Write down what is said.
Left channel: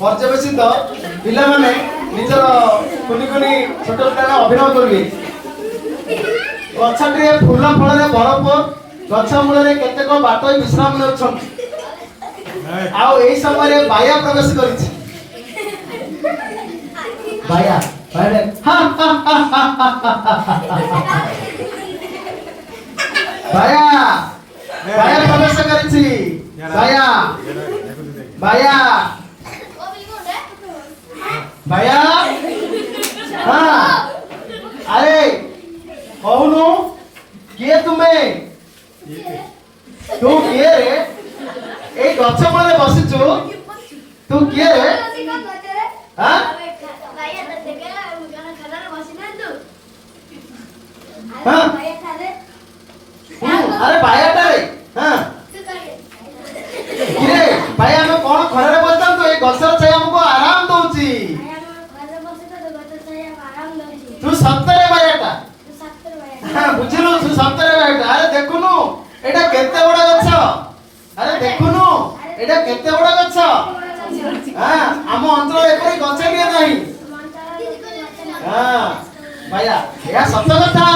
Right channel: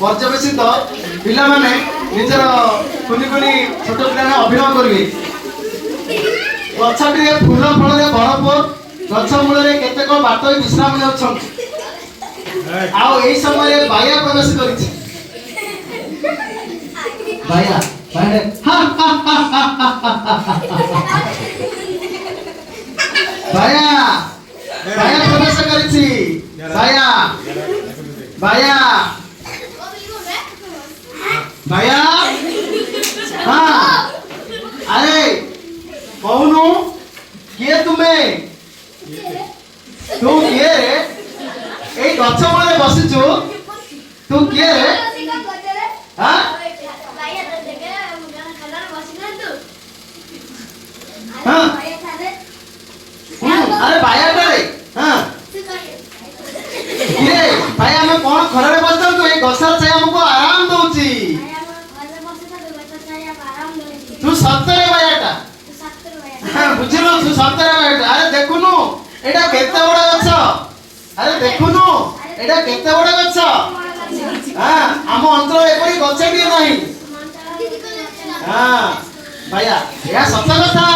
पर्यवेक्षित पिला माने निजर कुनी कुनी छोट पिला अभिनय करिवे गछटी फूल फल भरपूर गछ मूल केतेक बाट विश्राम नेउछंती आओ एई समय बाया प्रवेश करिछि बाया बाया बाया बाया प्रवेश करिछि बाया बाया बाया हाँ अरे कौनु किए तुम्हें तू किए रे ए गछ मूले बसिछु तू किए रे हाँ हाँ अरे बाया रे हाँ किए बाया हमें कौन खरारे बसता तो ए गछ छाया हमको आराम दउची तू सत्तरे बायाटा हाँ बुझिलो तू सत्तरे बायाटा अरे देखुनु एटा केते बड़ा गछ अरे देखुनु एटा केते बड़ा गछ हां हम अंचल एपरी गछ के नाही हां बाया या सत्य कथा